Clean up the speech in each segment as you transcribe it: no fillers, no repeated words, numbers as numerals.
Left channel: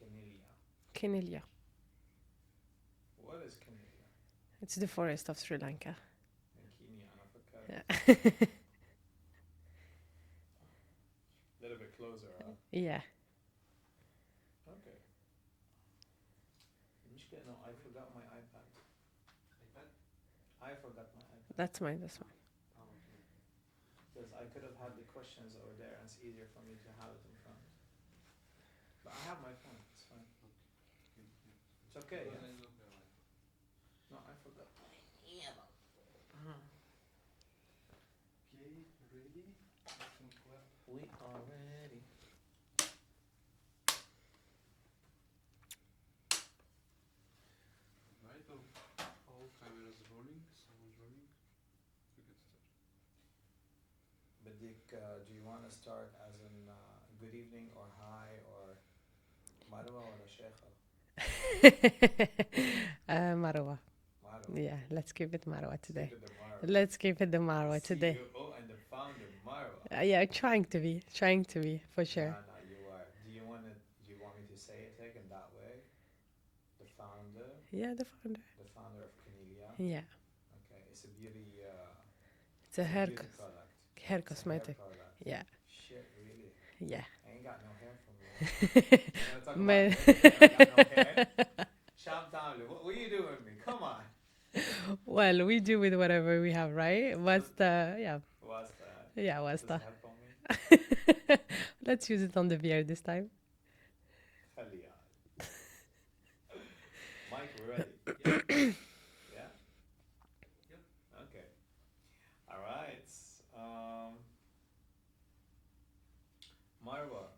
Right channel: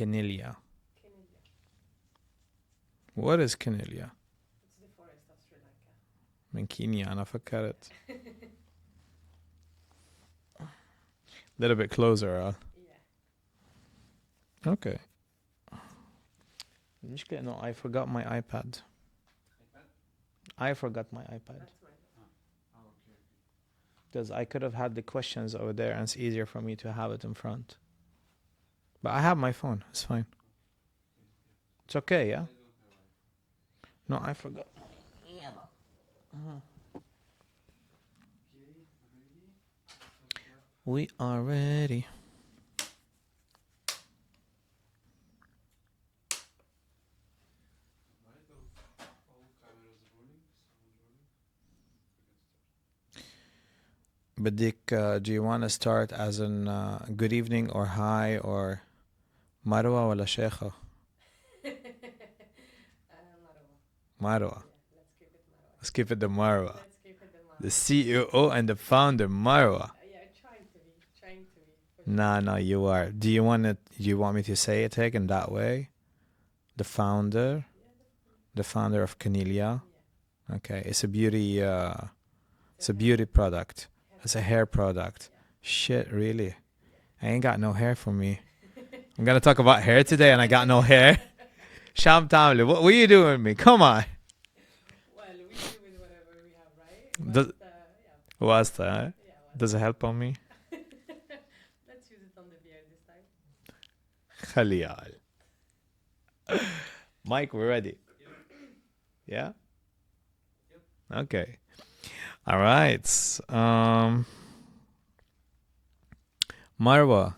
Canelia. Canelia. What is Canelia? It's the forest of Sri Lanka. من كينيا أنا فكرت. Little bit closer. Yeah. Okay. المشكلة إنه I forgot my iPad. I forgot my iPad. That's mine. That's mine. Because I could have had the questions over there and it's easier for me to have it in front. But I have my phone. It's fine. It's okay, yeah? No, I forgot. We are ready. بدك, do you want to start as in good evening or hi or Marwa ولا شيخة? Marwa. Marwa. Yeah, let's keep it Marwa. Let's keep it the Marwa. Let's keep it the Marwa. The CEO and the founder, Marwa. Yeah, trying to be for sure. No, you are. Do you want me to say it again that way? The founder. Yeah, the founder. The founder of Canelia. Yeah. Okay, it's a beauty. It's a hair beauty product. It's a hair cosmetic. product. Yeah. Shit, really? Yeah. I ain't got no hair for me. I'm gonna talk about hair today, and I got no hair. Sham Tamli, what are you doing with me? Come on. Well, we do with whatever we have, right? But yeah. What's that? Yeah, what's Does that? it help on me? Let's use it on the beard this time. Khalial. Mike, we're ready. Yeah? Okay. All right. Marwa,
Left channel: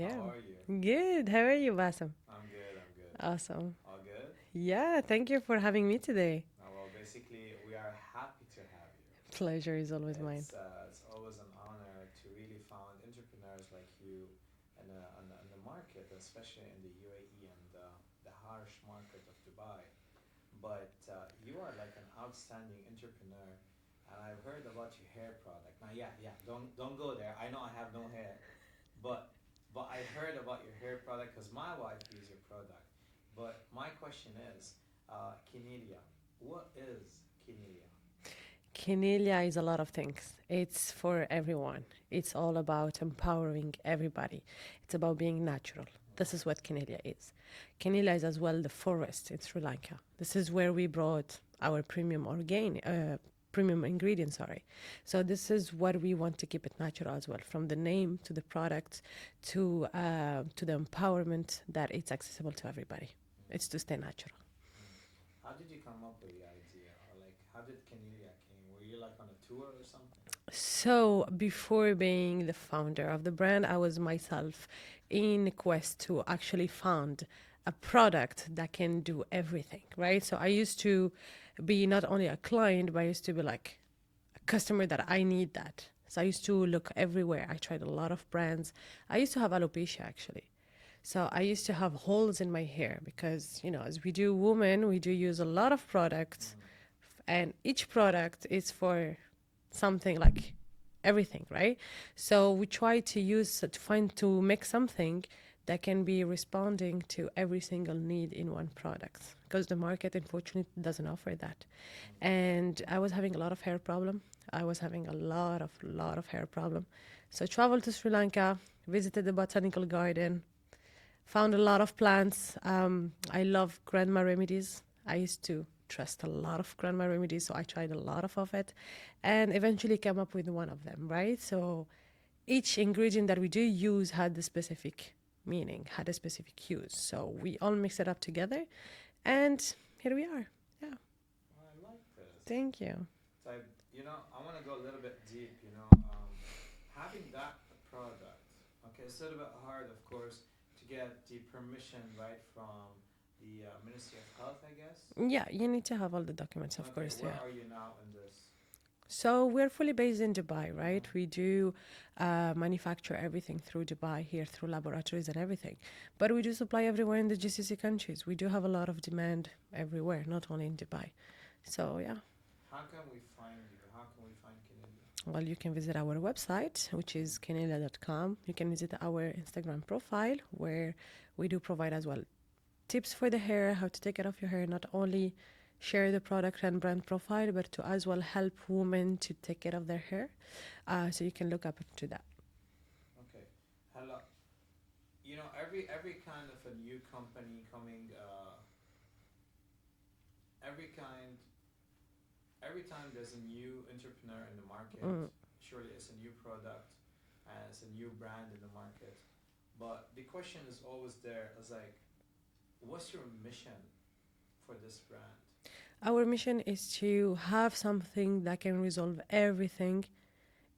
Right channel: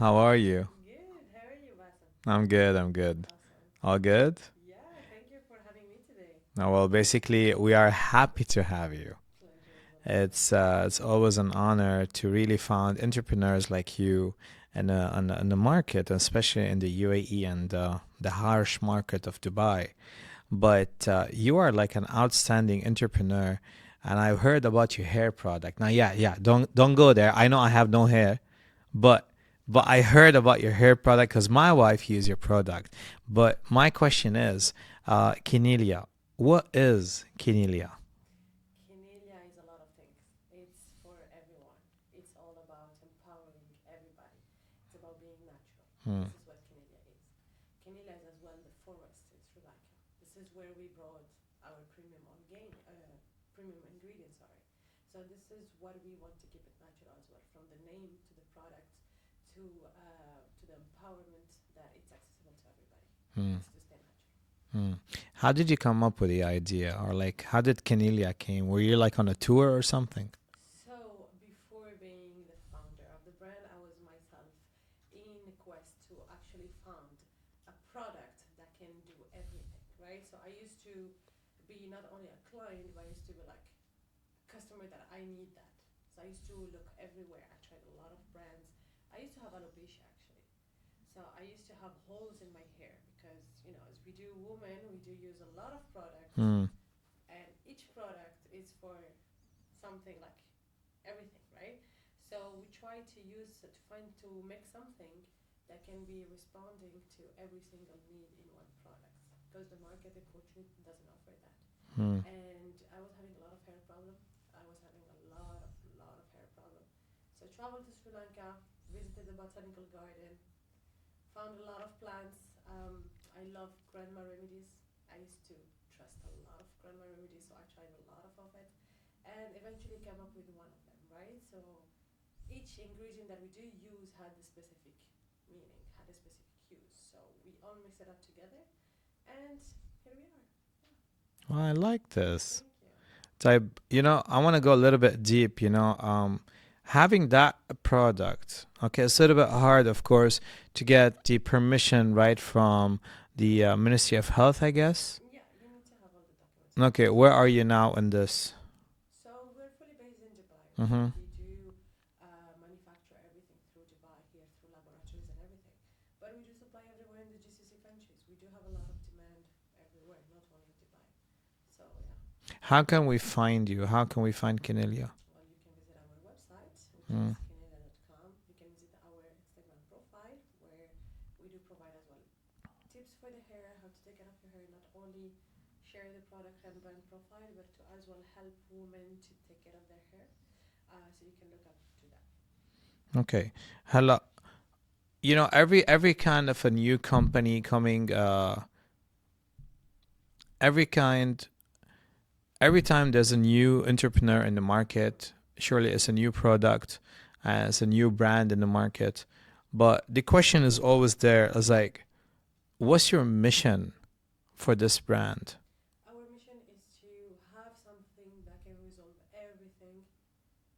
how are you? Good. How are you, Bassam? I'm good. Awesome. All good? Yeah, thank you for having me today. Well, basically, we are happy to have you. Pleasure is always mine. It's always an honor to really find entrepreneurs like you in the market, especially in the UAE and the harsh market of Dubai. But you are like an outstanding entrepreneur, and I've heard about your hair product. Now, yeah, don't go there. I know I have no hair, but I heard about your hair product because my wife used your product. But my question is, Canelia, what is Canelia? Canelia is a lot of things. It's for everyone. It's all about empowering everybody. It's about being natural. This is what Canelia is. Canelia is as well the forest in Sri Lanka. This is where we brought our premium ingredients, So this is what we want to keep it natural as well, from the name to the product to the empowerment that it's accessible to everybody. It's to stay natural. How did you come up with the idea, or like how did Canelia came? Were you like on a tour or something? So before being the founder of the brand, I was myself in a quest to actually found a product that can do everything, right? So I used to be not only a client, but I used to be like a customer that I need that. So I used to look everywhere. I tried a lot of brands. I used to have alopecia actually. So I used to have holes in my hair because, as we do women, we do use a lot of products and each product is for something like everything, right? So we try to make something that can be responding to every single need in one product because the market unfortunately doesn't offer that. And I was having a lot of hair problem. I was having a lot of hair problem. So I traveled to Sri Lanka, visited the botanical garden, found a lot of plants. I love grandma remedies. I used to trust a lot of grandma remedies, so I tried a lot of it and eventually came up with one of them, right? So each ingredient that we do use had a specific meaning, had a specific use. So we all mix it up together and here we are. Yeah. Well, I like this. Thank you. So I want to go a little bit deep, having that product, okay, it's a little bit hard, of course, to get the permission right from the Ministry of Health, I guess. Yeah, you need to have all the documents. Okay, where are you now in this? So we're fully based in Dubai, right? We do manufacture everything through Dubai here, through laboratories and everything. But we do supply everywhere in the GCC countries. We do have a lot of demand everywhere, not only in Dubai. So, yeah. How can we find you? How can we find Canelia? Well, you can visit our website, which is canelia.com. You can visit our Instagram profile where We do provide as well tips for the hair, how to take care of your hair, not only share the product and brand profile, but to as well help women to take care of their hair. So you can look up to that. Okay. Hello. Every kind of a new company coming, every kind, every time there's a new entrepreneur in the Mm. market, surely it's a new product, it's a new brand in the market. But the question is always there, is like, what's your mission for this brand? Our mission is to have something that can resolve everything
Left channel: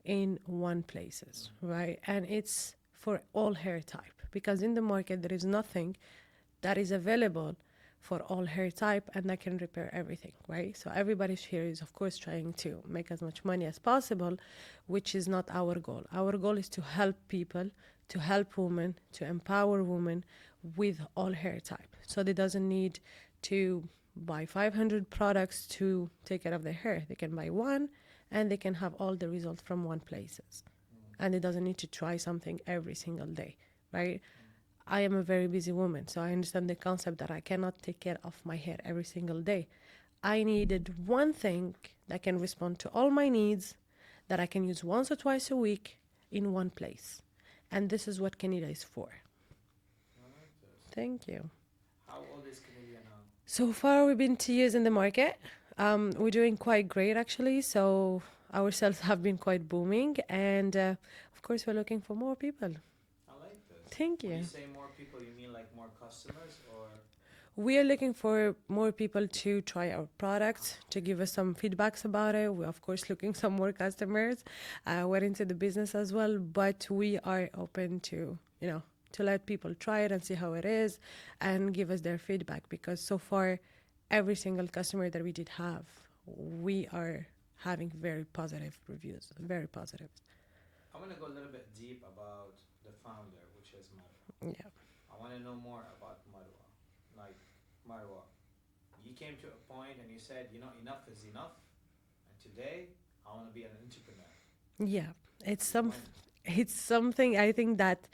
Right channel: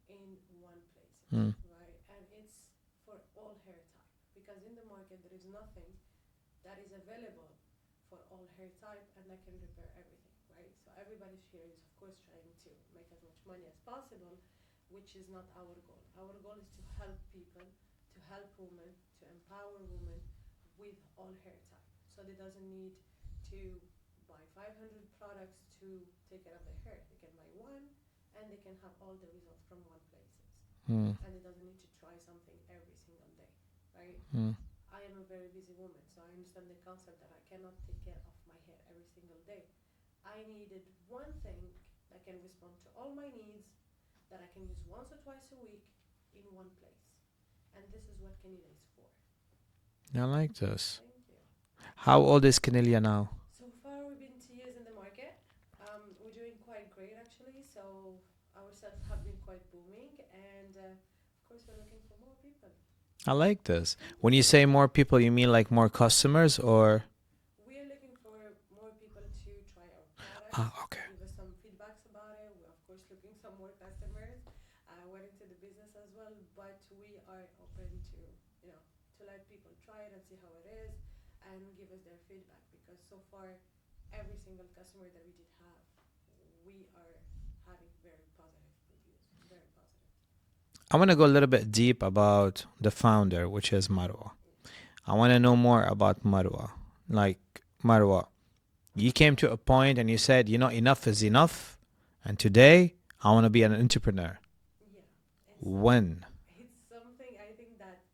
in one places, Mm. right? And it's for all hair type because in the market there is nothing that is available for all hair type and that can repair everything, right? So everybody's here is of course trying to make as much money as possible, which is not our goal. Our goal is to help people, to help women, to empower women with all hair type. So they doesn't need to buy 500 products to take care of their hair. They can buy one and they can have all the results from one places. Mm. And it doesn't need to try something every single day, right? Mm. I am a very busy woman, so I understand the concept that I cannot take care of my hair every single day. I needed one thing that can respond to all my needs, that I can use once or twice a week in one place. And this is what Canada is for. I like this. Thank you. How old is Canelia now? So far, we've been 2 years in the market. We're doing quite great, actually. So our sales have been quite booming. And of course, we're looking for more people. I like this. Thank When you you. say more people, you mean like more customers or? We are looking for more people to try our product, to Okay. give us some feedbacks about it. We're, of course, looking some more customers. We're into the business as well, but we are open to, to let people try it and see how it is and give us their feedback because so far, every single customer that we did have, we are having very positive reviews, very positive. I want to go a little bit deep about the founder, which is Marwa. Yeah. I want to know more about Marwa. Like, Marwa, you came to a point and you said, enough is enough. And today, I want to be an entrepreneur. Yeah. When? It's something I think that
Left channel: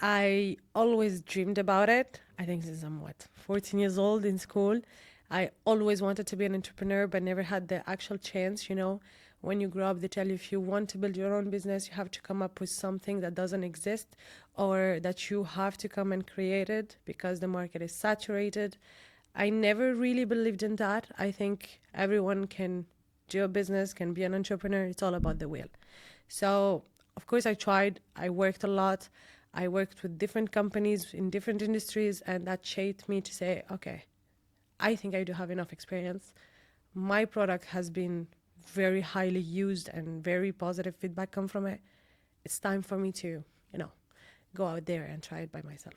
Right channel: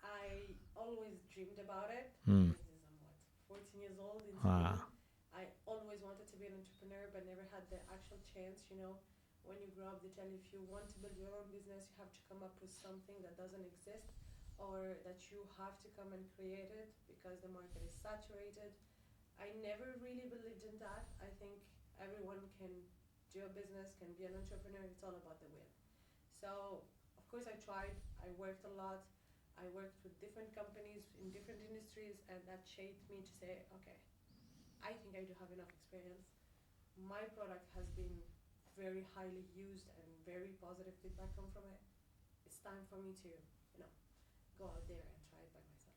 I always dreamed about it. I Mm. think since I'm 14 years old in school. I always wanted to be an entrepreneur, but never had the actual chance. When you grow up, they tell you if you want to build your own business, you have to come up with something that doesn't exist or that you have to come and create it because the market is saturated. I never really believed in that. I think everyone can do a business, can be an entrepreneur. It's all about the will. So, of course, I tried. I worked a lot. I worked with different companies in different industries, and that shaped me to say, okay, I think I do have enough experience. My product has been very highly used and very positive feedback come from it. It's time for me to, go out there and try it by myself.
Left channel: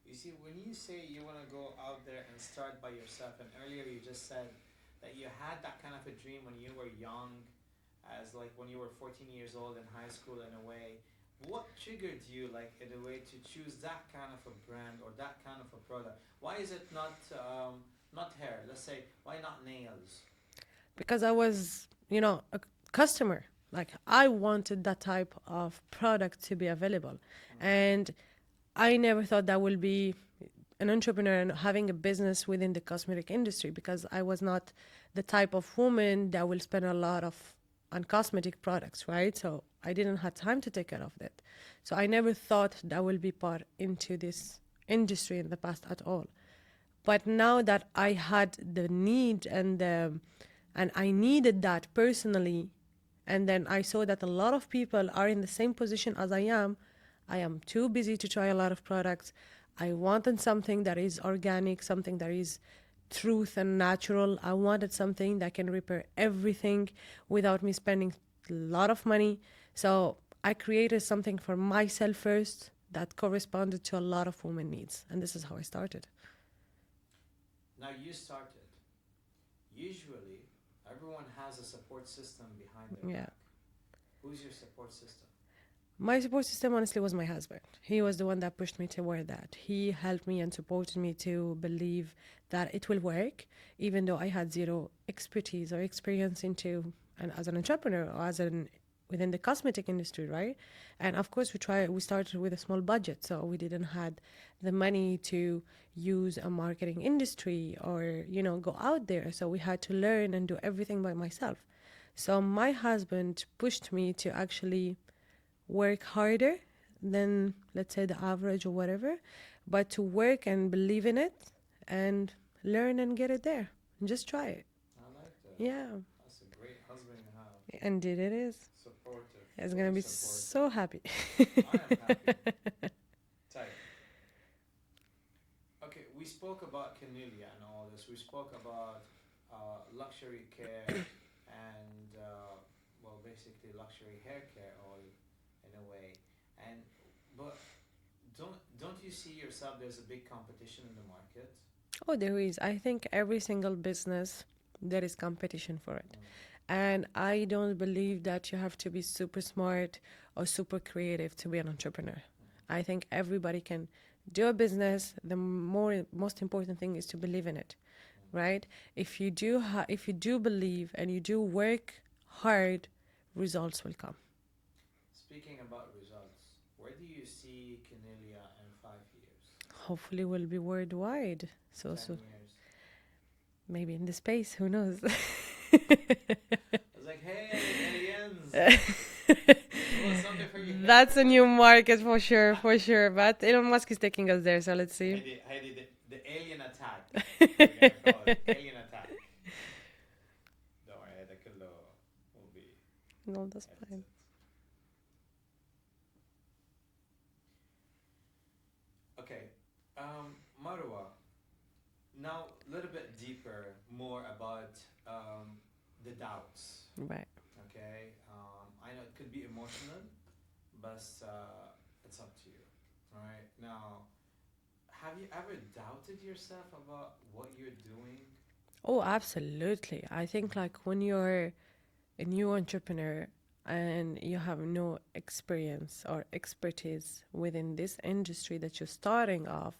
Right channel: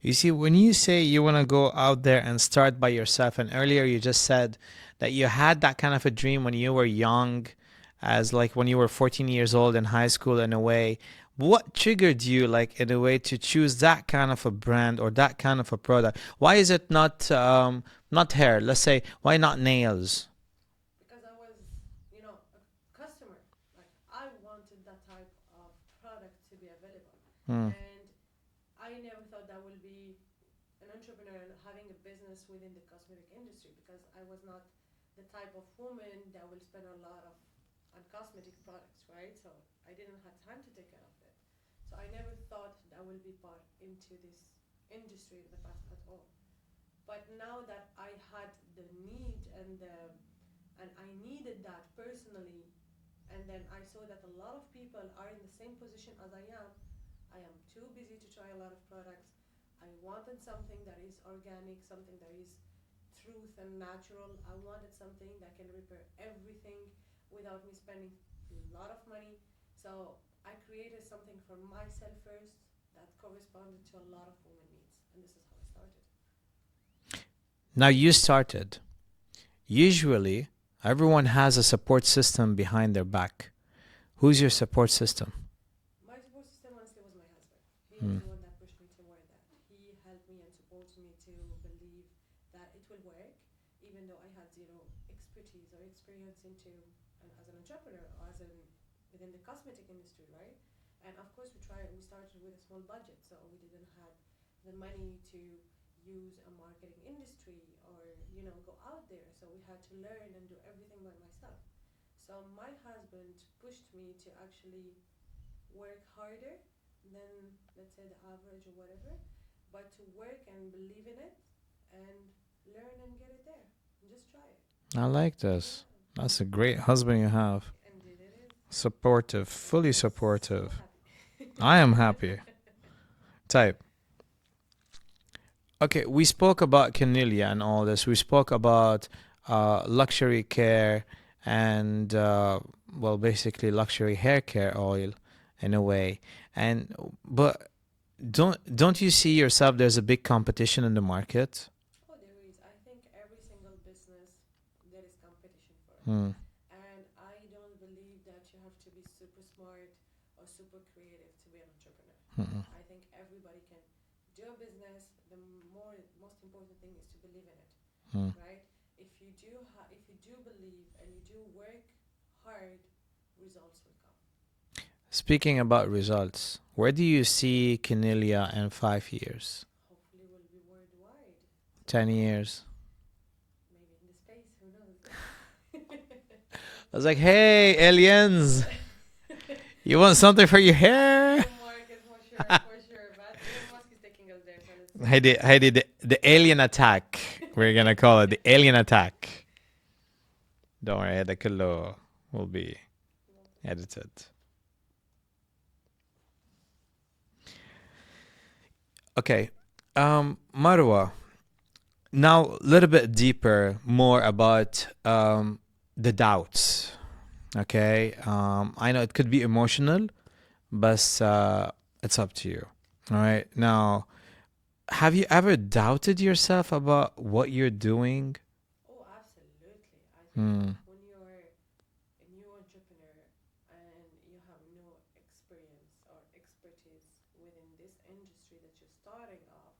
You see, when you say you want to go out there and start by yourself, and earlier you just said that you had that kind of a dream when you were young, as like when you were 14 years old in high school, in a way. What triggered you, like, in a way, to choose that kind of a brand or that kind of a product? Why is it not hair? Let's say, why not nails? Because I was, a customer. Like I wanted that type of product to be available. Mm. And I never thought that would be an entrepreneur and having a business within the cosmetic industry because I was not the type of woman that will spend a lot of on cosmetic products, right? So I didn't have time to take care of that. So I never thought that will be part into this industry in the past at all. But now that I had the need and I needed that personally, and then I saw that a lot of people are in the same position as I am too busy to try a lot of products. I wanted something that is organic, something that is truth and natural. I wanted something that can repair everything without me spending a lot of money. So I created something for myself first that corresponded to a lot of women needs. And this is how I started. Now you started. Usually, everyone has a support system behind their Yeah. back. Who's your support system? My support system, honestly, was my husband. He was Mm. the one that pushed me toward that. He helped me and supported me to believe that it will work, even though I had zero expertise or experience into and as an entrepreneur or within the cosmetic industry, right? And of course, we started with a small budget, so we didn't had the money to use a marketing industry or, go out there. So we had to learn and do everything by myself. So my husband pushed me to actually work harder than, let's say, the average or whatever, but to work and believe in it and learn and get it there. And just try it. I like this. Yeah. That's a great husband you have. Indeed, it is. Supportive, It's gonna fully be so supportive. happy. I am happy. Type. Okay, we spoke about Canelia and all this. We spoke about luxury care and, well, basically luxury hair care oil in a way. And but don't you see yourself? There's a big competition in the market. Oh, there is. I think every single business there is competition for it. Mm. And I don't believe that you have to be super smart or super creative to be an entrepreneur. Mm-mm. I think everybody can do a business. The most important thing is to believe in it, Mm. right? If you do believe and you do work hard, results will come. Speaking about results, where do you see Canelia in 5 years, Hopefully, we'll be worldwide. So 10 years? maybe in the space. Who knows? I was like, hey, aliens, you want something for your hair? That's a new market for sure, for sure. But Elon Musk is taking us there, so let's see. Heidi, the alien attack. We're gonna call it the alien attack. Don't worry, هذا كله will be No, that's okay. edited. Okay, Marwa. Now a little bit deeper, more about the doubts. Right. Okay, I know it could be emotional, but it's up to you. All right. Now, have you ever doubted yourself about what you're doing? Oh, absolutely. I think like Mm. when you're a new entrepreneur and you have no experience or expertise within this industry that you're starting off,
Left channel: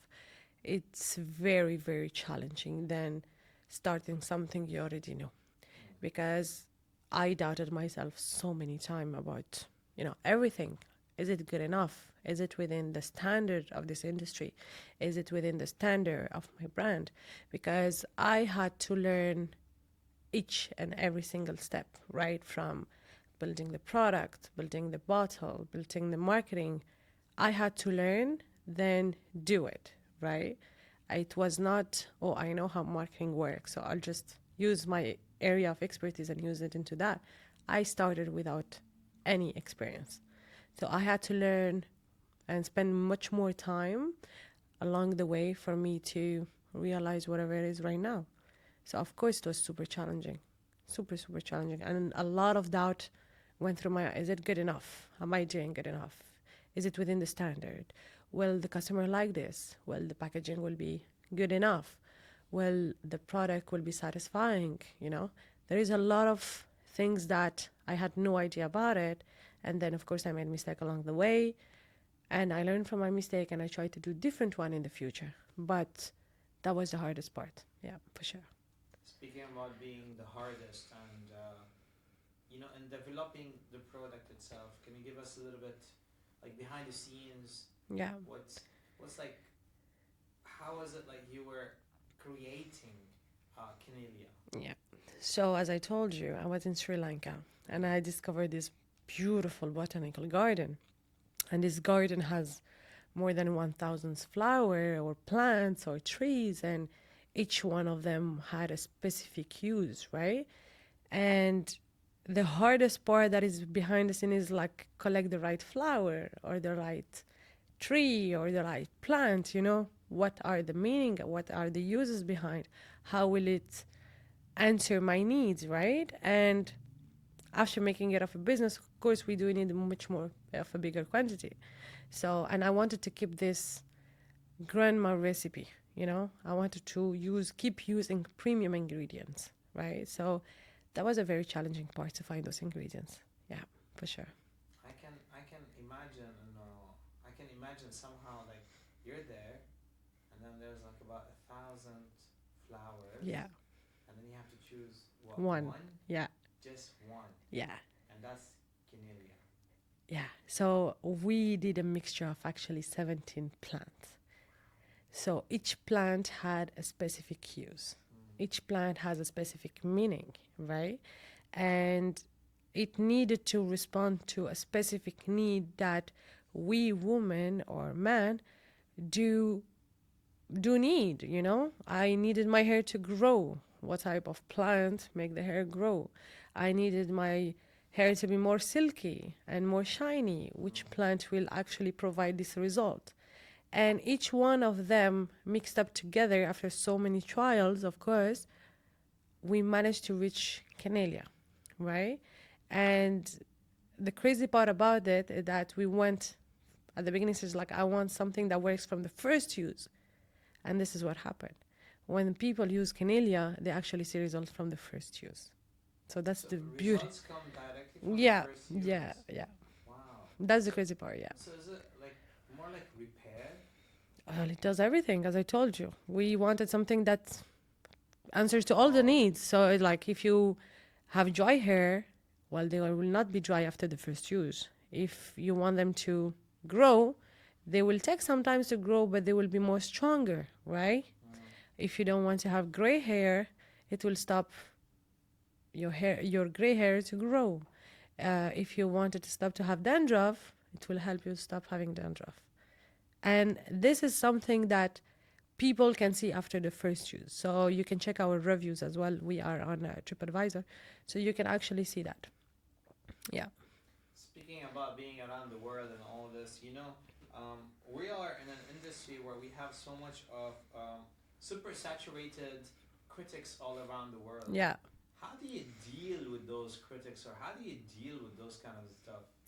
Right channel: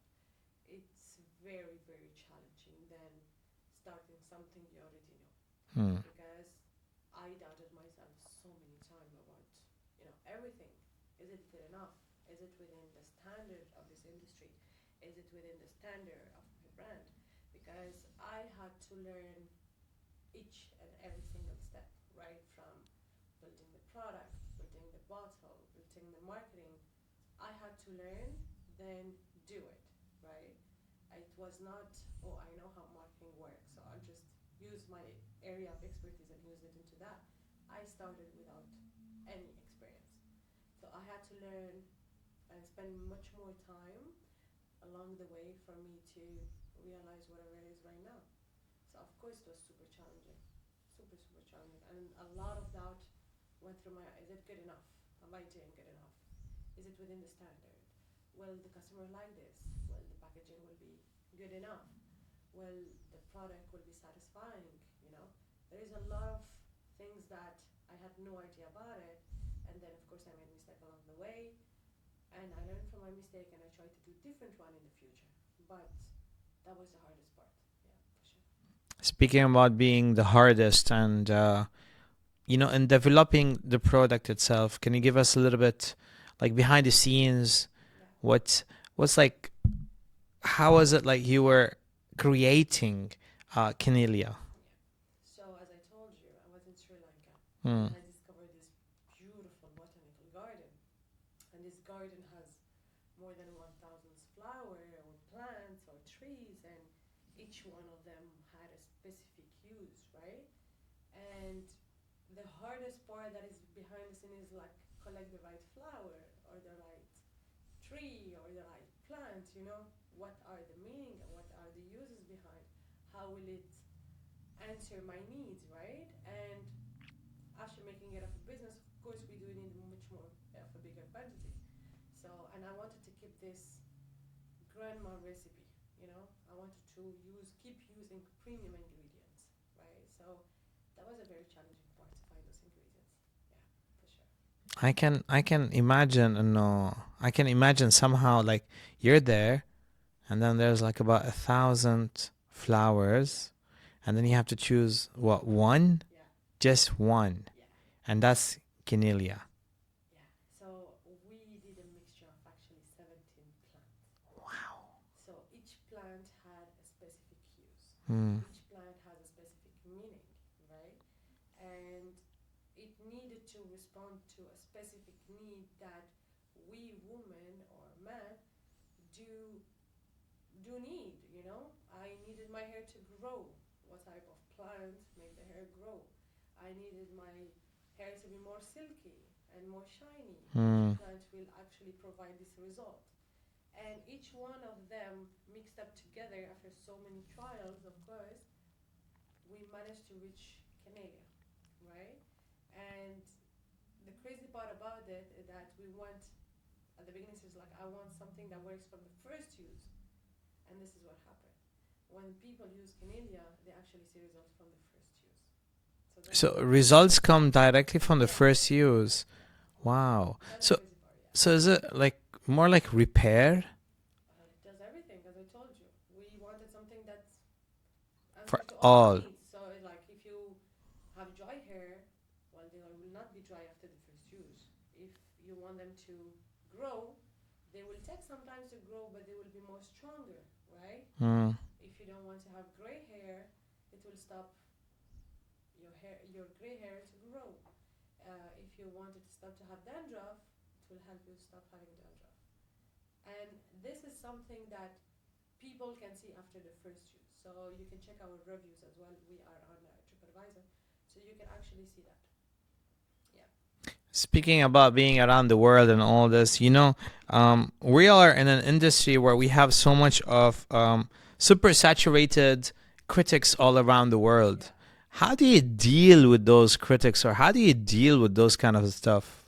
it's very, very challenging than starting something you already know. Mm. Because I doubted myself so many times about, everything. Is it good enough? Is it within the standard of this industry? Is it within the standard of my brand? Because I had to learn each and every single step, right? From building the product, building the bottle, building the marketing. I had to learn, then do it, right? It was not, oh, I know how marketing works, so I'll just use my area of expertise and use it into that. I started without any experience. So I had to learn and spend much more time along the way for me to realize whatever it is right now. So of course it was super challenging, super, super challenging. And a lot of doubt went through my, is it good enough? Am I doing good enough? Is it within the standard? Will the customer like this? Will the packaging will be good enough? Will the product will be satisfying? There is a lot of things that I had no idea about it. And then of course I made mistake along the way. And I learned from my mistake and I tried to do different one in the future. But that was the hardest part. Yeah, for sure. Speaking about being the hardest and, in developing the product itself, can you give us a little bit, like behind the scenes? Yeah. What's like? How was it like you were creating Canelia? Yeah. So as I told you, I was in Sri Lanka and I discovered this beautiful botanical garden. And this garden has more than 1,000 flowers or plants or trees, and each one of them had a specific use, right? And the hardest part that is behind the scene is like collect the right flower or the right tree or the right plant, what are the meaning, what are the uses behind, how will it answer my needs, right? And after making it of a business, of course, we do need much more of a bigger quantity. So, and I wanted to keep this grandma recipe, I wanted to keep using premium ingredients, right? So that was a very challenging part to find those ingredients. Yeah, for sure. I can imagine, no, I can imagine somehow like you're there, and then there's like about 1,000 flowers, Yeah. and then you have to choose what One. one, Yeah. just one, Yeah. and that's Canelia. Yeah. So we did a mixture of actually 17 plants. So each plant had a specific use. Mm. Each plant has a specific meaning, right? And it needed to respond to a specific need that we women or men do need, you know? I needed my hair to grow. What type of plant make the hair grow? I needed my hair to be more silky and more shiny. Which Mm. plant will actually provide this result? And each one of them mixed up together after so many trials, of course, we managed to reach Canelia, right? And the crazy part about it is that we went at the beginning, it's like, I want something that works from the first use. And this is what happened. When people use Canelia, they actually see results from the first use. So that's So the results come directly from the yeah, first yeah, use. yeah. Wow. That's the So crazy part, yeah. so is it like more like repair? Well, it does everything, as I told you. We wanted something that For answers to all the all. needs. So, like, if you have dry hair, well, they will not be dry after the first use. If you want them to grow, they will take some time to grow, but they will be more stronger, right? Mm. If you don't want to have gray hair, it will stop your gray hair to grow. If you wanted to stop to have dandruff, it will help you stop having dandruff. And this is something that people can see after the first use. So you can check our reviews as well. We are on TripAdvisor, so you can actually see that. Yeah. Speaking about being around the world and all this, we are in an industry where we have so much of super saturated critics all around the world. Yeah. How do you deal with those critics, or how do you deal with those kind of stuff?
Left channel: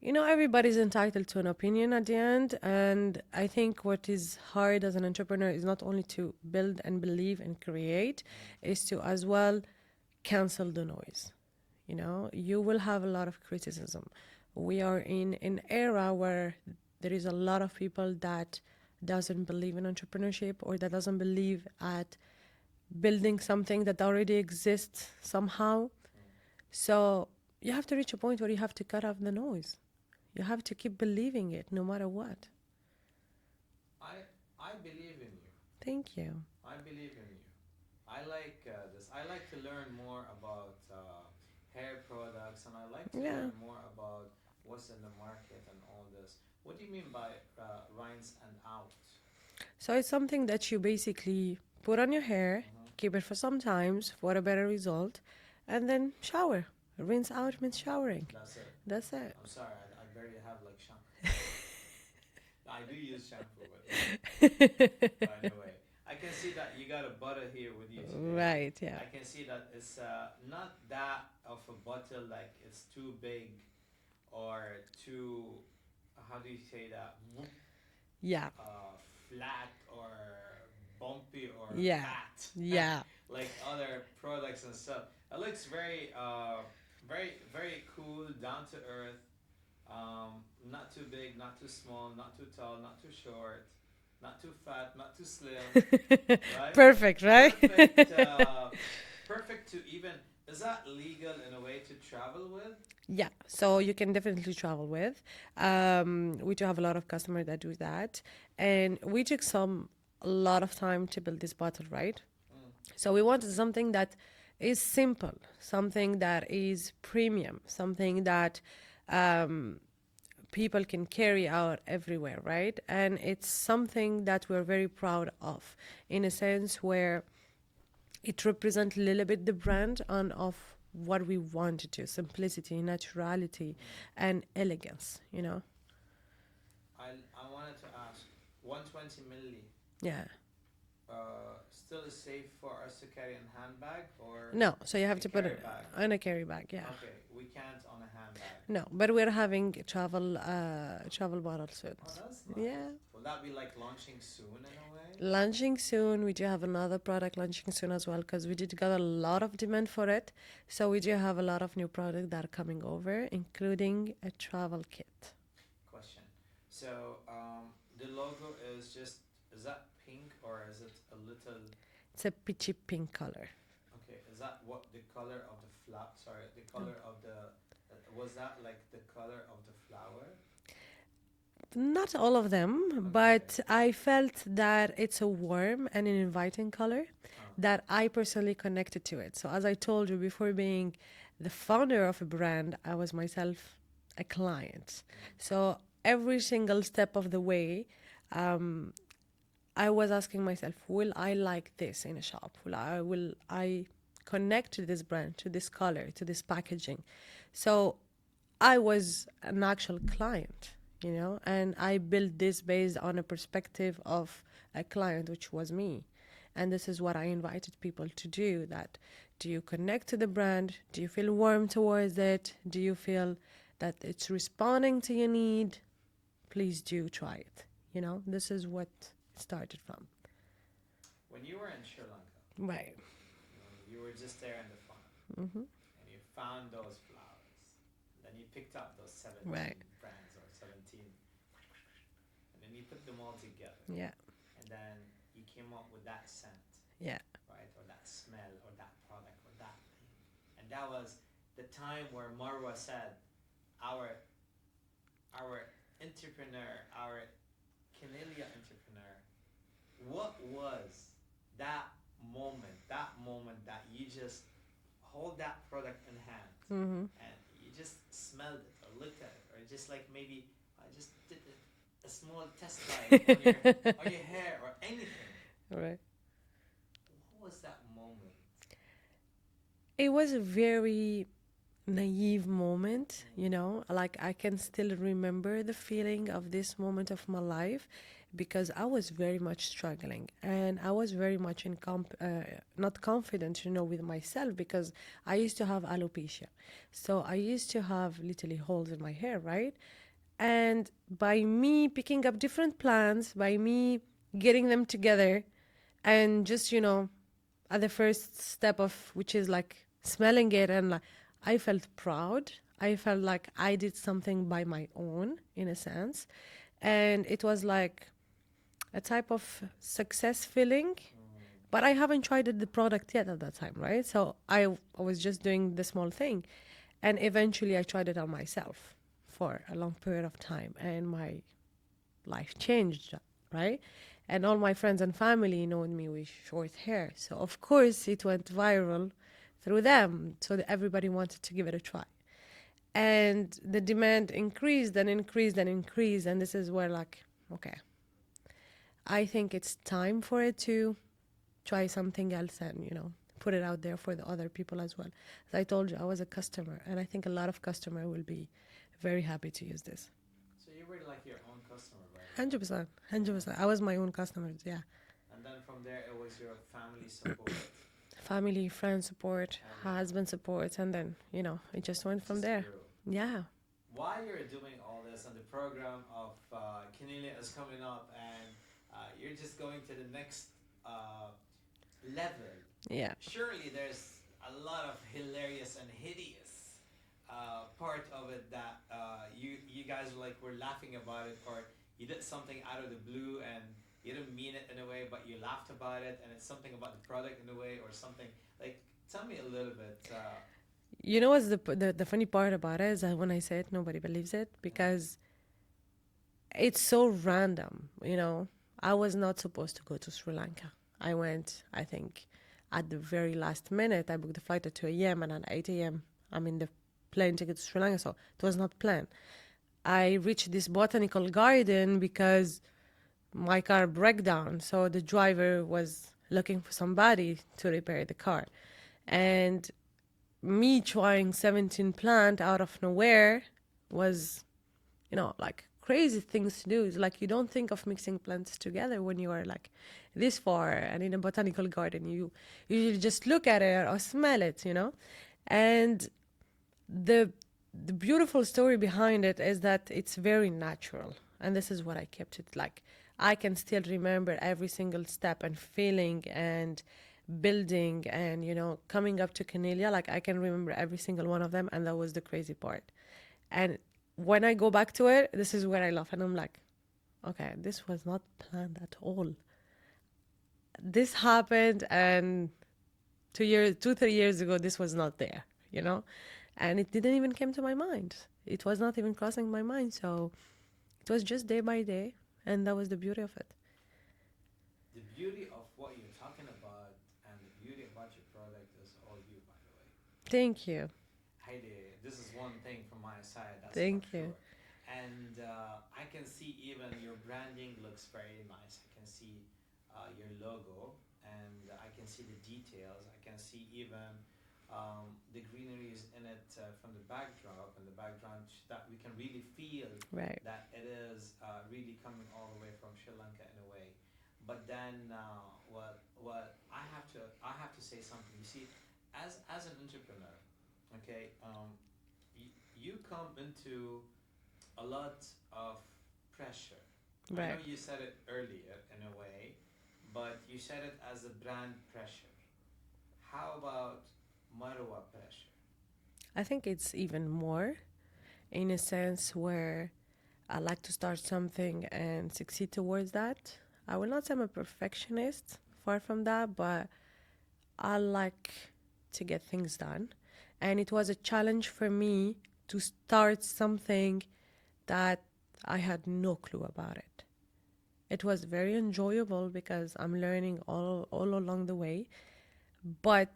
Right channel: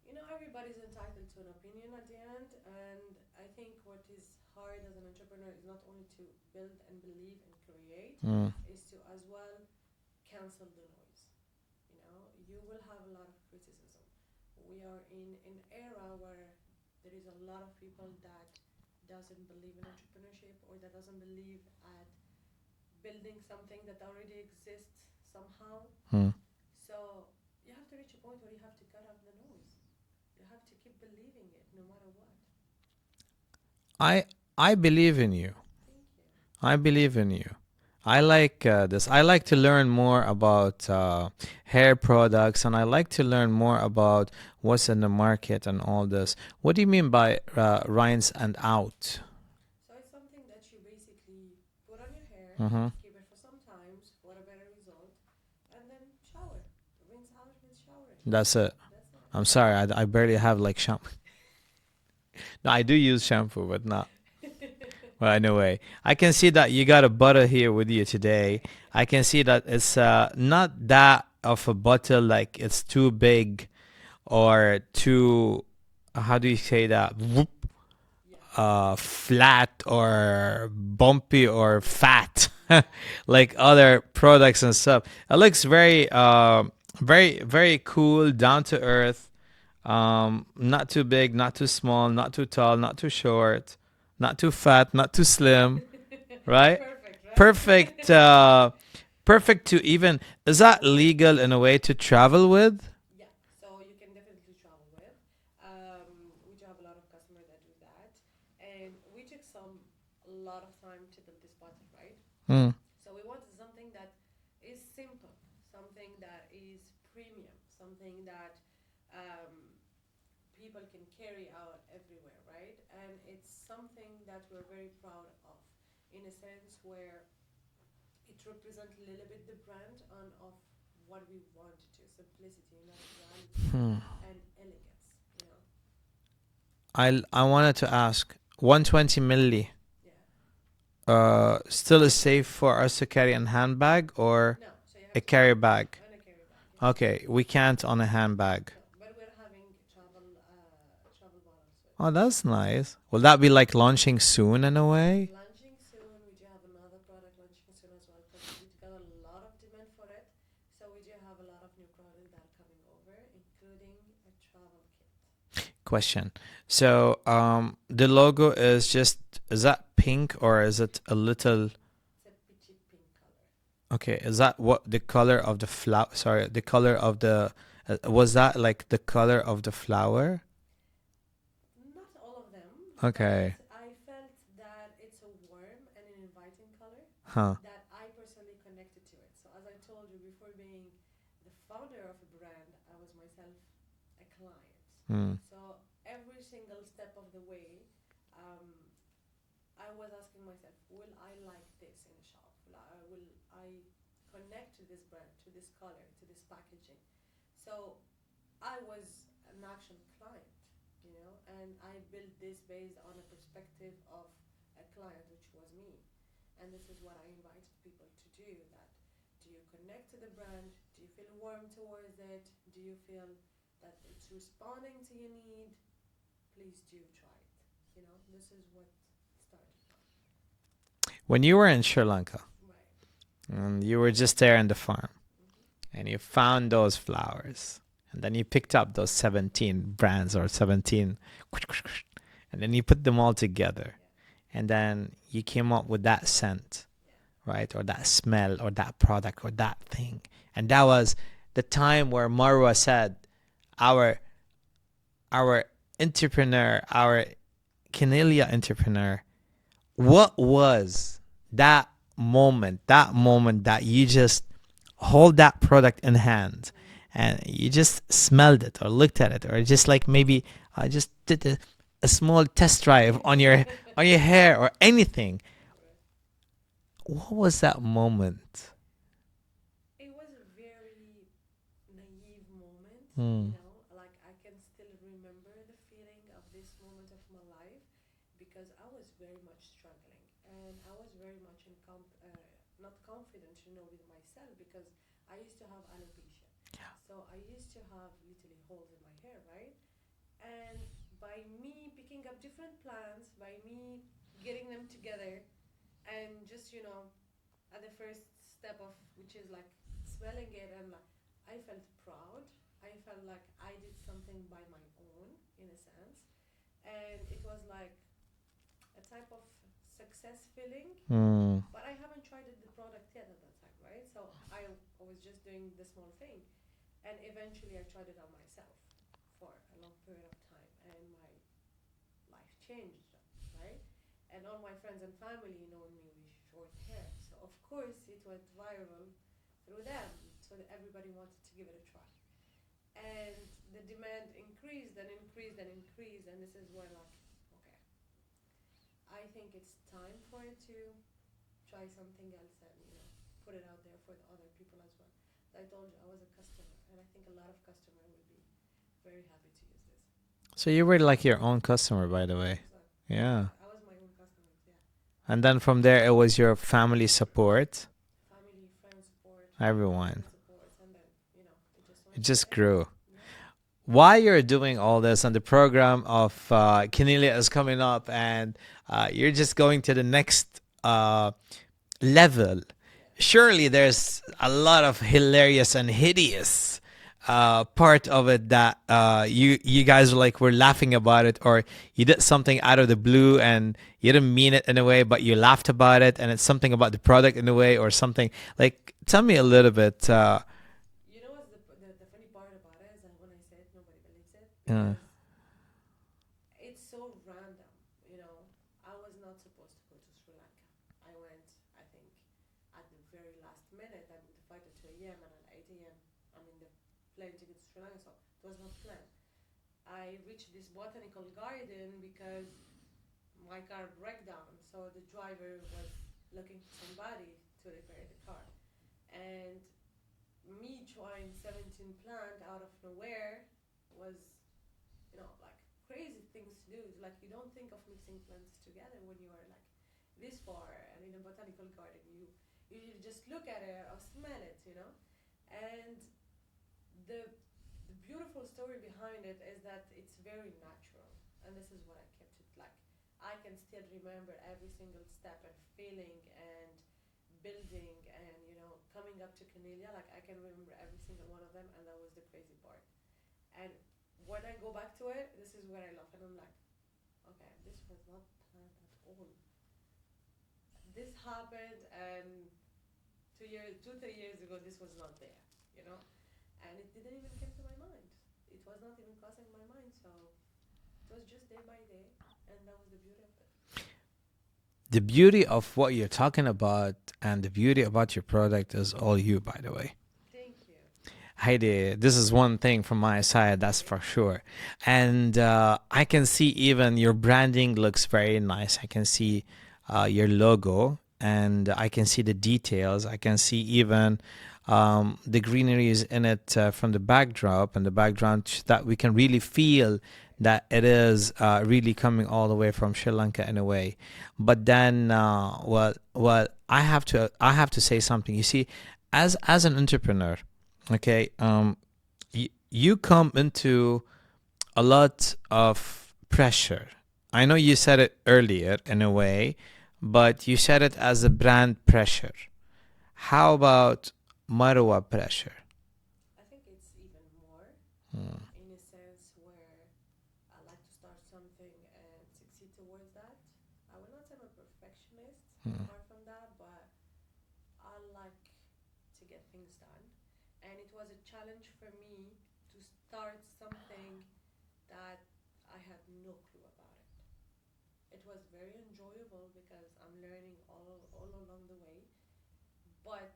You know, everybody's entitled to an opinion at the end. And I think what is hard as an entrepreneur is not only to build and believe and create, Mm. is to as well cancel the noise. You know, you will have a lot of criticism. We are in an era where there is a lot of people that doesn't believe in entrepreneurship, or that doesn't believe at building something that already exists somehow. Mm. So you have to reach a point where you have to cut off the noise. You have to keep believing it no matter what. I believe in you. Thank you. I believe in you. I like this. I like to learn more about hair products, and I like to learn more about what's in the market and all this. What do you mean by rinse and out? So it's something that you basically put on your hair, Mm-hmm. keep it for some times for a better result, and then shower. Rinse out means showering. That's it. That's it. I'm sorry, I barely have like shampoo. No, I do use shampoo, but not. But anyway, I can see that you got a butter here with you today. Right, yeah. I can see that it's not that of a bottle, like it's too big or too, how do you say that? Whoop, Yeah. flat or bumpy or Yeah. fat, Yeah. like other products and stuff. It looks very, very, very cool, down to earth. Not too big, not too small, not too tall, not too short, not too fat, not too slim, right? Perfect, right? Perfect, perfect to even. Is that legal in a way to travel with? Yeah, so you can definitely travel with. We do have a lot of customers that do that, and we took a lot of time to build this bottle, right? Mm. So we wanted something that is simple, something that is premium, something that people can carry out everywhere, right? And it's something that we're very proud of, in a sense where it represents a little bit the brand and of what we want to do: simplicity, naturality, and elegance, you know? I wanted to ask, 120 milli. Yeah. Still is safe for us to carry in handbag or No, so you have a to carry put bag? on a carry bag, yeah. Okay, we can't on a handbag. No, but we're having travel bottles soon. Oh, that's nice. Yeah. Will that be like launching soon in a way? Launching soon. We do have another product launching soon as well, because we did get a lot of demand for it. So we do have a lot of new products that are coming over, including a travel kit. Question. So, the logo is that pink or is it a little? It's a peachy pink color. Okay, is that what the color of the flower? Sorry, the color of the. Was that like the color of the flower? Not all of them, Okay. but I felt that it's a warm and an inviting color Huh. that I personally connected to it. So, as I told you before, being the founder of a brand, I was myself a client. Hmm. So, every single step of the way, um, I was asking myself, will I like this in a shop? Will I connect to this brand, to this color, to this packaging? So I was an actual client, and I built this based on a perspective of a client, which was me. And this is what I invited people to do, that do you connect to the brand? Do you feel warm towards it? Do you feel that it's responding to your need? Please do try it. This is what it started from. When you were in Sri Lanka Right. and you were just there in the farm Mm-hmm. and you found those flowers and then you picked up those Right. 17 brands or 17 and then you put them all together Yeah. and then you came up with that scent, Yeah. right? Or that smell or that product or that thing. And that was the time where Marwa said, our our entrepreneur, our Canelia entrepreneur, what was that moment that you just hold that product in hand Mm-hmm. and you just smelled it or looked at it or just like maybe I just did a small test drive on your on your hair or anything. Right. What was that moment? It was a very naive moment, Hmm. like I can still remember the feeling of this moment of my life because I was very much struggling and I was very much not confident, with myself because I used to have alopecia. So I used to have literally holes in my hair, right? And by me picking up different plants, by me getting them together and just, at the first step of which is like smelling it and like I felt proud. I felt like I did something by my own in a sense. And it was like a type of success feeling. Hmm. But I haven't tried the product yet at that time, right? So I was just doing the small thing. And eventually I tried it on myself for a long period of time. And my life changed, right? And all my friends and family knowing me with short hair. So of course it went viral through them. So that everybody wanted to give it a try. And the demand increased and increased and increased. And this is where like, okay, I think it's time for it to try something else and, put it out there for the other people as well. As I told you, I was a customer and I think a lot of customer will be very happy to use this. So you were like your own customer, by the way. 100%. Yeah. 100%. I was my own customer, yeah. And then from there, it was your family support. Family, friend support, Everyone. husband support, and then, it just It went from just there. grew. Yeah. While you're doing all this and the program of Kinelia is coming up and you're just going to the next level, Yeah. surely there's a lot of hilarious and hideous part of it that you guys were laughing about it, or you did something out of the blue and you didn't mean it in a way but you laughed about it, and it's something about the product in a way or something. Like, tell me a little bit. You know what's the funny part about it is that when I say it, nobody believes it uh, because it's so random. I was not supposed to go to Sri Lanka. I went, I think, at the very last minute. I booked the flight at 2 a.m. and at 8 a.m. I'm in the plane to get to Sri Lanka. So it was not planned. I reached this botanical garden because my car broke down. So the driver was looking for somebody to repair the car. And me trying 17 plant out of nowhere was, like crazy things to do. It's like you don't think of mixing plants together when you are like this far and in a botanical garden. You usually just look at it or smell it, And the the beautiful story behind it is that it's very natural. And this is what I kept it like. I can still remember every single step and feeling and building and coming up to Canelia, like I can remember every single one of them, and that was the crazy part. And when I go back to it, this is where I laugh and I'm like, okay, this was not planned at all. This happened, and 3 years ago this was not there, and it didn't even come to my mind. It was not even crossing my mind. So it was just day by day, and that was the beauty of it. The beauty of what you're talking about and the beauty about your product is all you, by the way. Thank you. Heidi, this is one thing from my side, that's for Thank you. sure. And I can see even your branding looks very nice. I can see your logo and I can see the details. I can see even the greeneries in it from the backdrop and the background that we can really feel Right. that it is really coming all the way from Sri Lanka in a way. But then, I have to say something. You see, as an entrepreneur, okay, you come into a lot of pressure. I Yeah. know you said it earlier in a way, but you said it as a brand pressure. How about Marwa pressure? I think it's even more Hmm. in a sense where I like to start something and succeed towards that. I will not say I'm a perfectionist, Hmm. far from that, but I like to get things done. And it was a challenge for me to start something that I had no clue about it. It was very enjoyable because I'm learning all along the way, but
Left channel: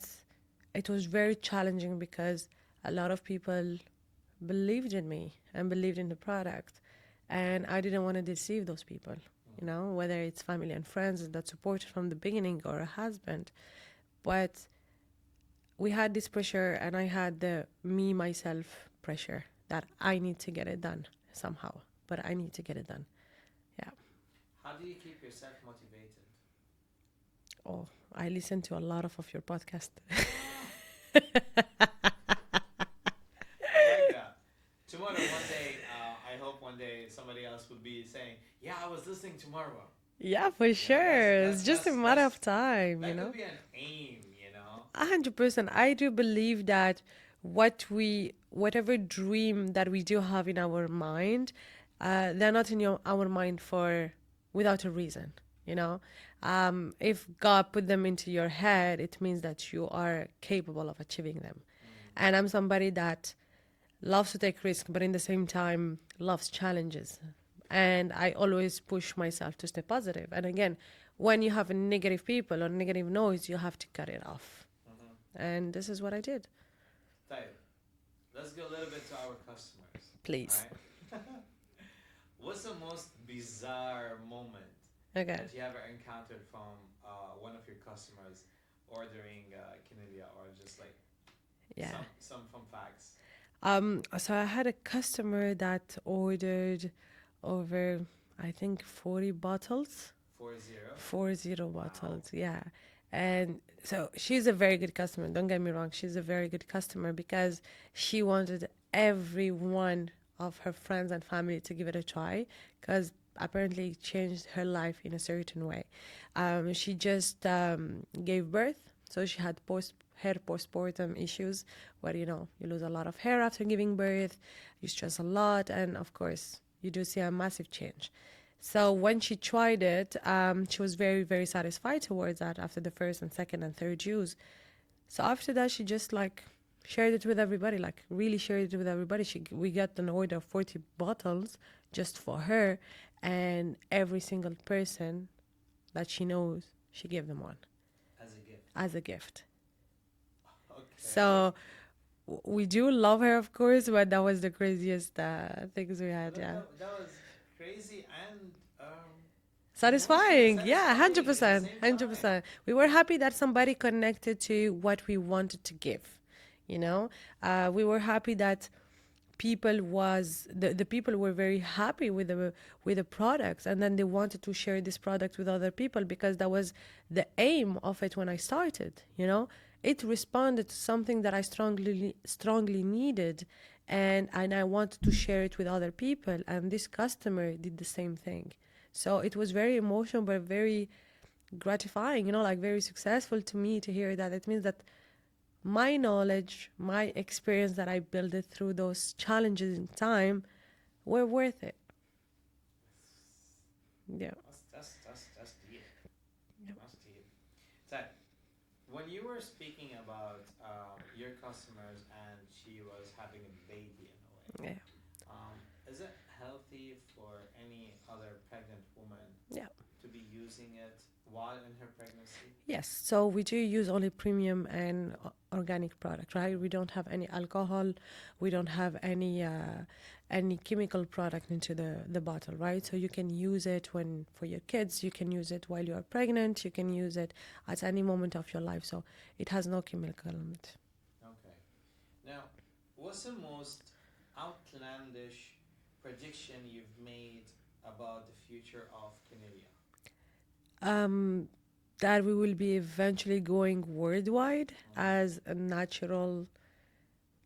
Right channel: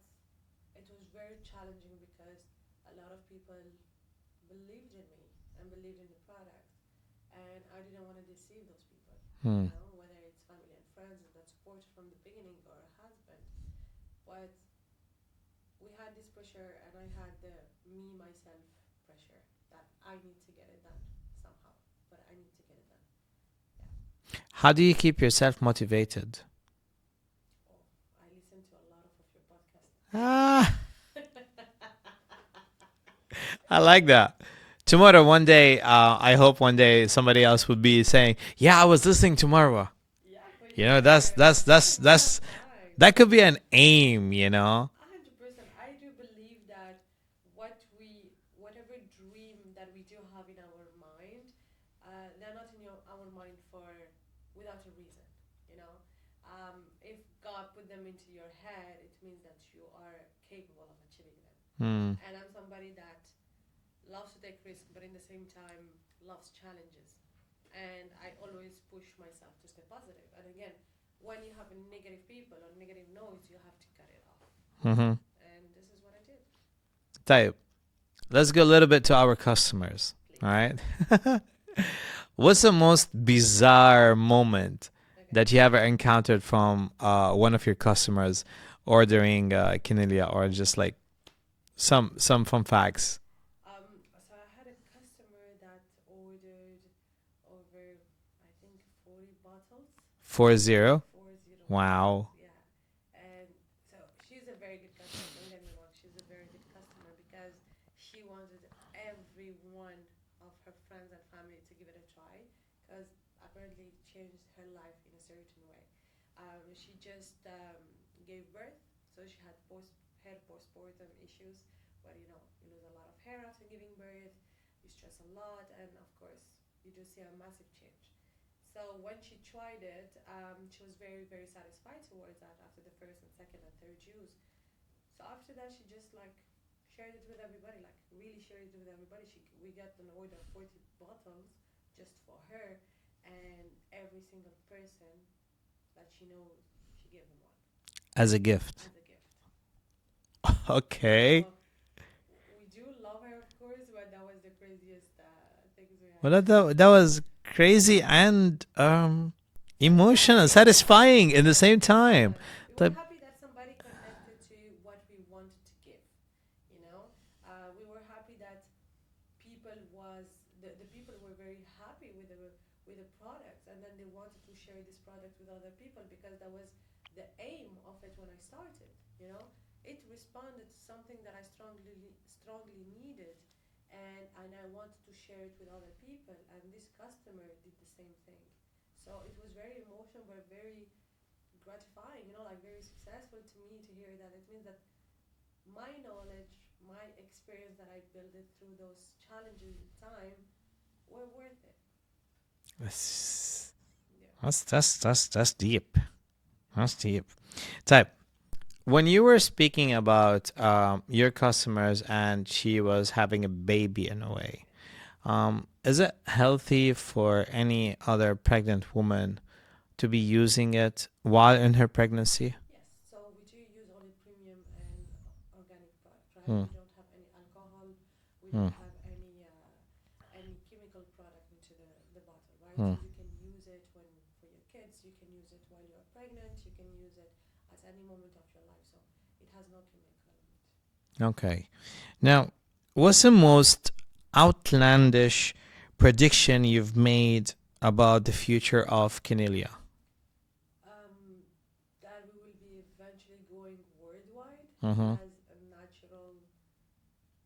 it was very challenging because a lot of people believed in me and believed in the product. And I didn't want to deceive those people, Hmm. whether it's family and friends that supported from the beginning or a husband. But we had this pressure, and I had the me, myself pressure that I need to get it done somehow, but I need to get it done. Yeah. How do you keep yourself motivated? Oh, I listen to a lot of your podcast. Ah, I like that. Tomorrow, one day, I hope one day somebody else would be saying, "Yeah, I was listening tomorrow." Yeah, for You know, that's sure. that's It's just a that's matter that's of time, that could be an aim. 100%. I do believe that whatever dream that we do have in our mind, they're not in our mind for without a reason. You know, if God put them into your head, it means that you are capable of achieving them. Hmm. And I'm somebody that loves to take risk, but in the same time loves challenges. And I always push myself to stay positive. And again, when you have negative people or negative noise, you have to cut it off. Mm-hmm. And this is what I did. Type. Let's go a little bit to our customers. All Please. right. What's the most bizarre moment Okay. that you ever encountered from one of your customers ordering quinoa or just like Yeah. some fun facts? So I had a customer that ordered over, I think, 40 bottles. 40. 40 bottles, Wow. yeah. And so she's a very good customer. Don't get me wrong. She's a very good customer because she wanted every one of her friends and family to give it a try because apparently it changed her life in a certain way. She just gave birth, so she had hair postpartum issues where you lose a lot of hair after giving birth, you stress a lot, and of course you do see a massive change. So when she tried it, she was very, very satisfied towards that after the first and second and third use. So after that, she just like shared it with everybody, like really shared it with everybody. We got an order of 40 bottles just for her, and every single person that she knows, she gave them one As a gift. as a gift. Okay. So we do love her, of course, but that was the craziest things we Well, had. that, Yeah. that, that was crazy and emotional, Satisfying, yeah, satisfying at the 100%, same time. 100%. We were But happy that somebody connected to what we wanted to give. You know, we were happy that the people were very happy with the products, and then they wanted to share this product with other people because that was the aim of it when I started. It responded to something that I strongly needed, and I wanted to share it with other people, and this customer did the same thing. So it was very emotional but very gratifying, like very successful to me to hear that. It means that my knowledge, my experience that I built it through those challenges in time were worth it. that's Yeah. that's deep. That's deep. Type. when you were speaking about your customers and she was having a baby in a way, Yeah. is it healthy for any other pregnant woman Yeah. to be using it while in her pregnancy? Yes. So we do use only premium and organic product, right? Mm, We don't have any alcohol. We don't mm, have any chemical product into the bottle, right? So mm. you can use it when for your kids. You can use it while you are pregnant. You can use it at any moment of your life. So it has no chemical in it. Okay. Now, what's the most outlandish prediction you've made about the future of Kinelia? Um, that we will be eventually going worldwide Mm-hmm. as a natural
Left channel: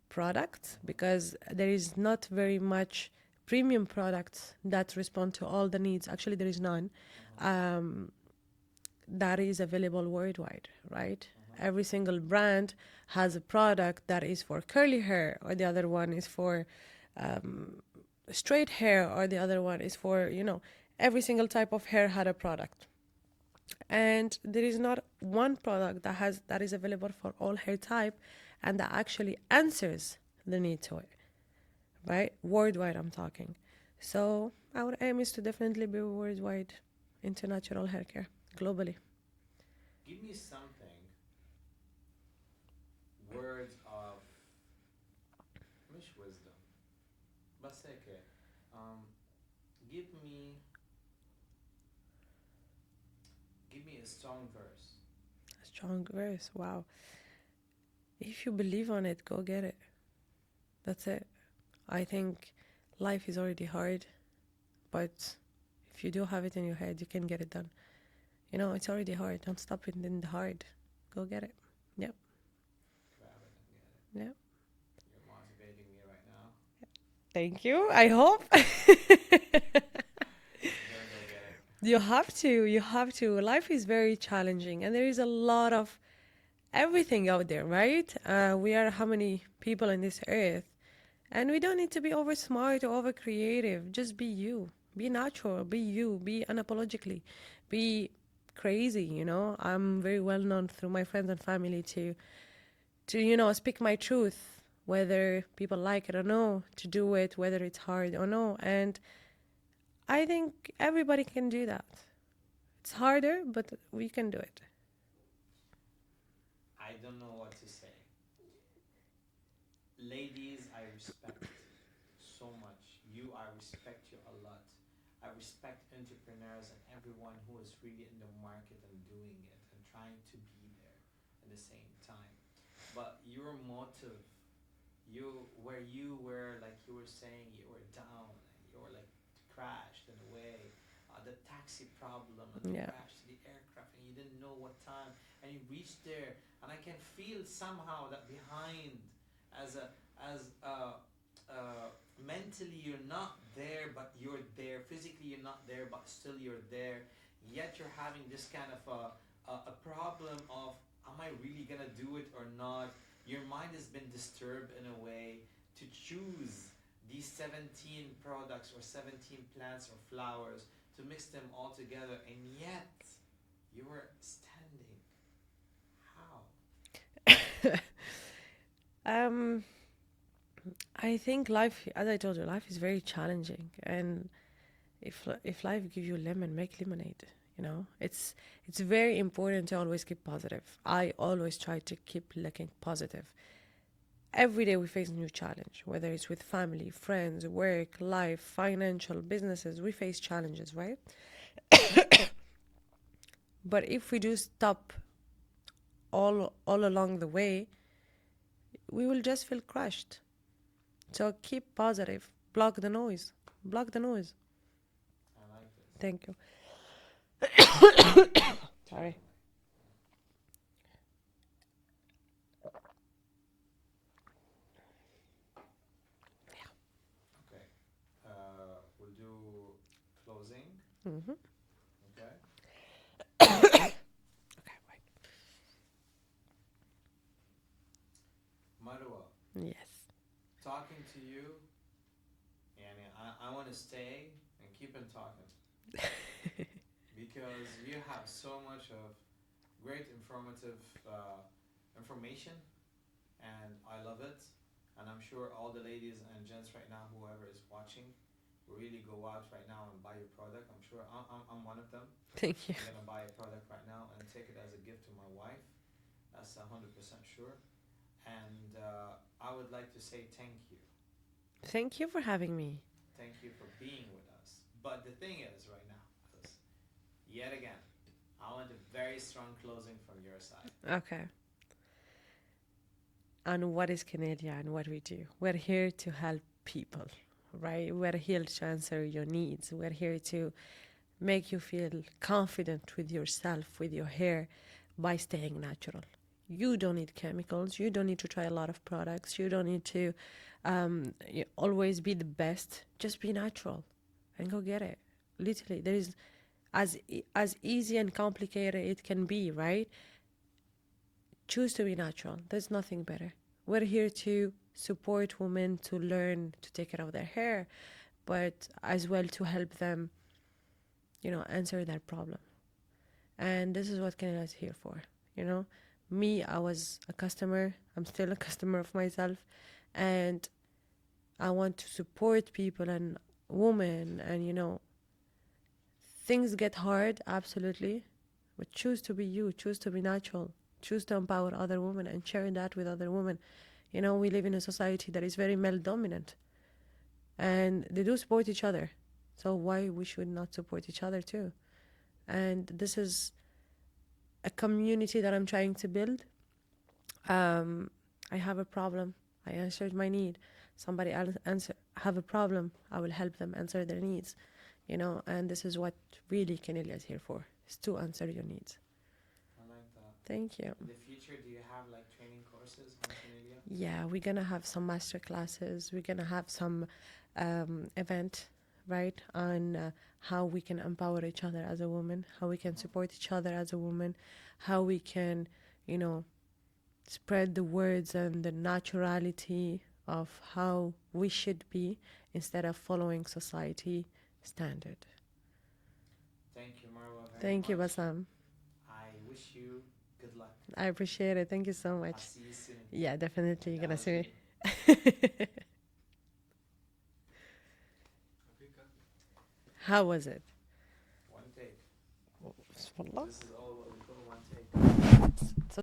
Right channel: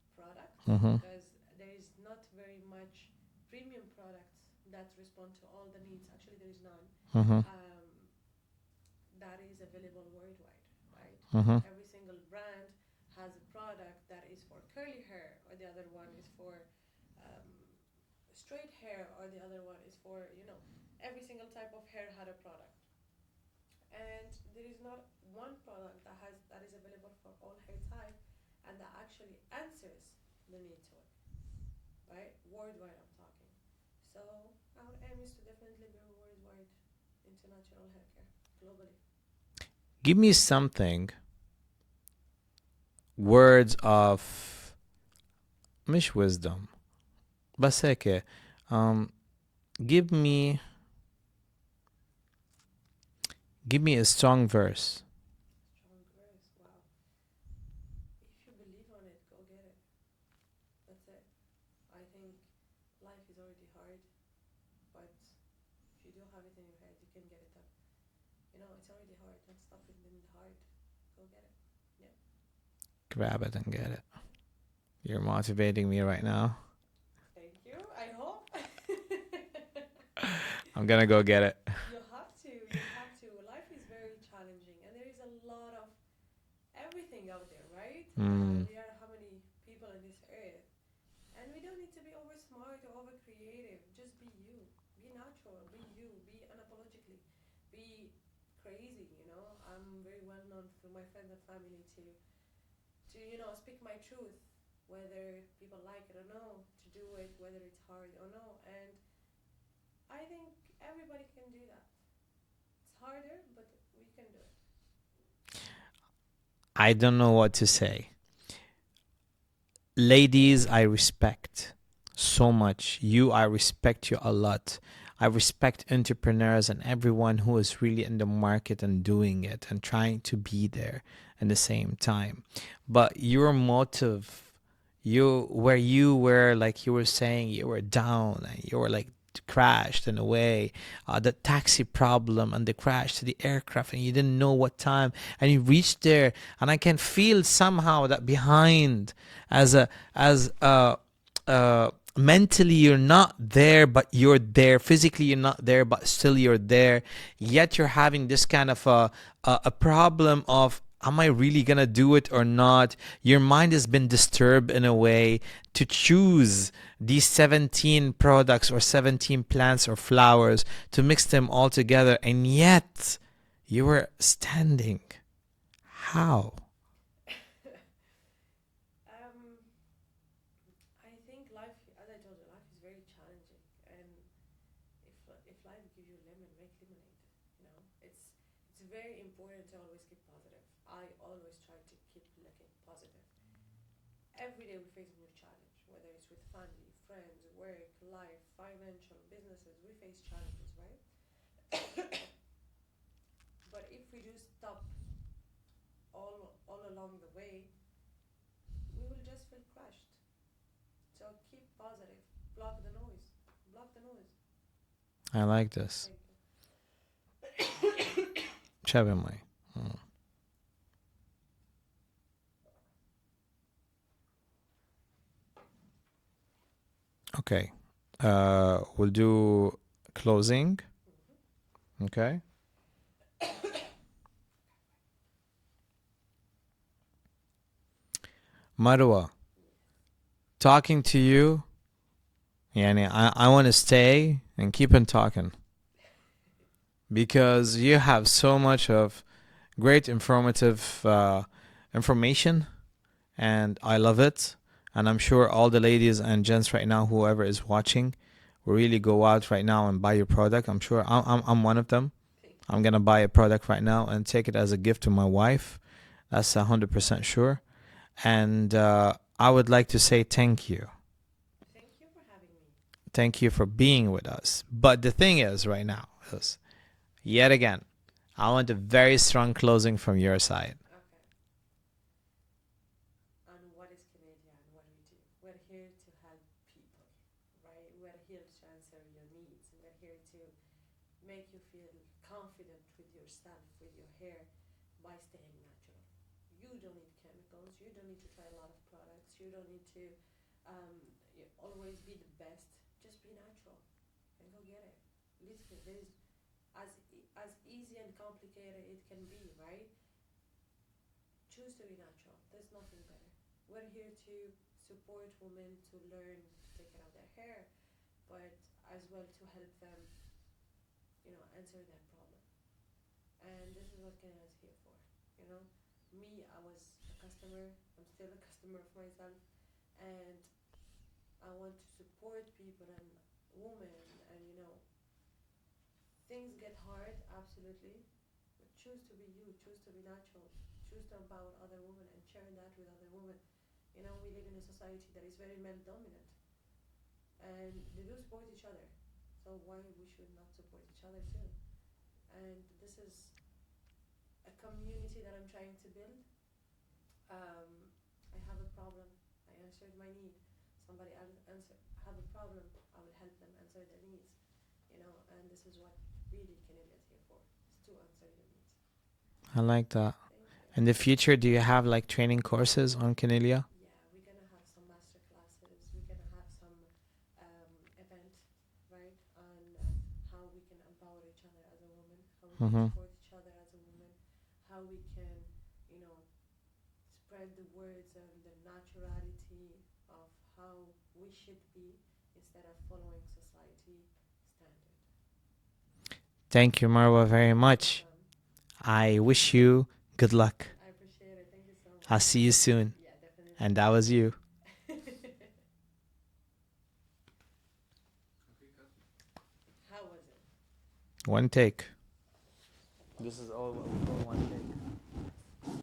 product Mm-hmm. because there is not very much premium products that respond to all the needs. Actually, there is none Mm-hmm. um, that is available worldwide, right? Mm-hmm. Every single brand has a product that is for curly hair, or the other one is for um, straight hair, or the other one is for, every single type of hair had a product. And there is not one product that is available for all hair type and that actually answers the need to it, right? Worldwide, I'm talking. So our aim is to definitely be worldwide into natural hair care globally. Give me something, words of مش wisdom بس هيك um, give me give me a strong verse. Strong verse. Wow. If you believe on it, go get it. That's it. I think life is already hard, but if you do have it in your head, you can get it done. It's already hard. Don't stop it in the hard. Go get it. Yep. Grab it and get it. Yep. You're motivating me right now. Thank you. I hope. I'm gonna go get it. You have to. You have to. Life is very challenging, and there is a lot of everything out there, right? We are how many people on this earth, and we don't need to be over smart or over creative. Just be you. Be natural. Be you. Be unapologetically. Be crazy. I'm very well known through my friends and family to speak my truth, whether people like it or no, to do it, whether it's hard or no, and I think everybody can do that. It's harder, but we can do it. I don't know what to say. Ladies, I respect so much. I respect you a lot. I respect entrepreneurs and everyone who is really in the market and doing it and trying to be there at the same time. But your motive, you were like you were saying you were down and you were like crashed in a way, the taxi problem and the Yeah. crash to the aircraft and you didn't know what time and you reached there and I can feel somehow that behind as mentally you're not there but you're there, physically you're not there but still you're there, yet you're having this kind of a problem of am I really gonna do it or not. Your mind has been disturbed in a way to choose these 17 products or 17 plants or flowers to mix them all together, and yet you were standing. How? Um, I think life, as I told you, life is very challenging, and if life give you lemon, make lemonade. It's very important to always keep positive. I always try to keep looking positive. Every day we face a new challenge, whether it's with family, friends, work, life, financial, businesses. We face challenges, right? But if we do stop all along the way, we will just feel crushed. So keep positive. Block the noise. Block the noise. I like this. Thank you. Chevy Mai. Mm. Okay. We'll do closing. Mm-hmm. Okay. Marwa, Yes. talking to you. Yani, I want to stay and keep on talking because you have so much of Great informative information, and I love it. And I'm sure all the ladies and gents right now, whoever is watching, will really go out right now and buy your product. I'm sure I'm one of them. Thank you. I'm gonna buy a product right now and take it as a gift to my wife. That's 100% sure. And I would like to say thank you. Thank you for having me. Thank you for being with us. But the thing is, right now, is yet again, I want a very strong closing from your side. Okay. And what is Canada and what we do? We're here to help people, right? We're here to answer your needs. We're here to make you feel confident with yourself, with your hair, by staying natural. You don't need chemicals. You don't need to try a lot of products. You don't need to always be the best. Just be natural and go get it. Literally, there is as easy and complicated it can be, right? Choose to be natural. There's nothing better. We're here to support women to learn to take care of their hair, but as well to help them, answer their problem. And this is what Canada is here for. You know, me, I was a customer. I'm still a customer of myself, and I want to support people and women. And things get hard, absolutely, but choose to be you. Choose to be natural. Choose to empower other women and share that with other women. We live in a society that is very male dominant, and they do support each other. So why we should not support each other too? And this is a community that I'm trying to build. I have a problem. I answered my need. Somebody else have a problem. I will help them answer their needs. And this is what really Canelia is here for, is to answer your needs. I like that. Thank you. In the future, do you have like training courses on Canelia? Yeah, we're gonna have some master classes. We're gonna have some event, right, on how we can empower each other as a woman, how we can Mm-hmm. support each other as a woman, how we can, you know, spread the words and the naturality of how we should be instead of following society standard. Thank you, Marwa, very Thank you, much. Bassam. I wish you good luck. I appreciate it. Thank you so much. I'll see you soon. Yeah, definitely. And that Gonna was see you. How was it? One take. Wallah. This is all one take.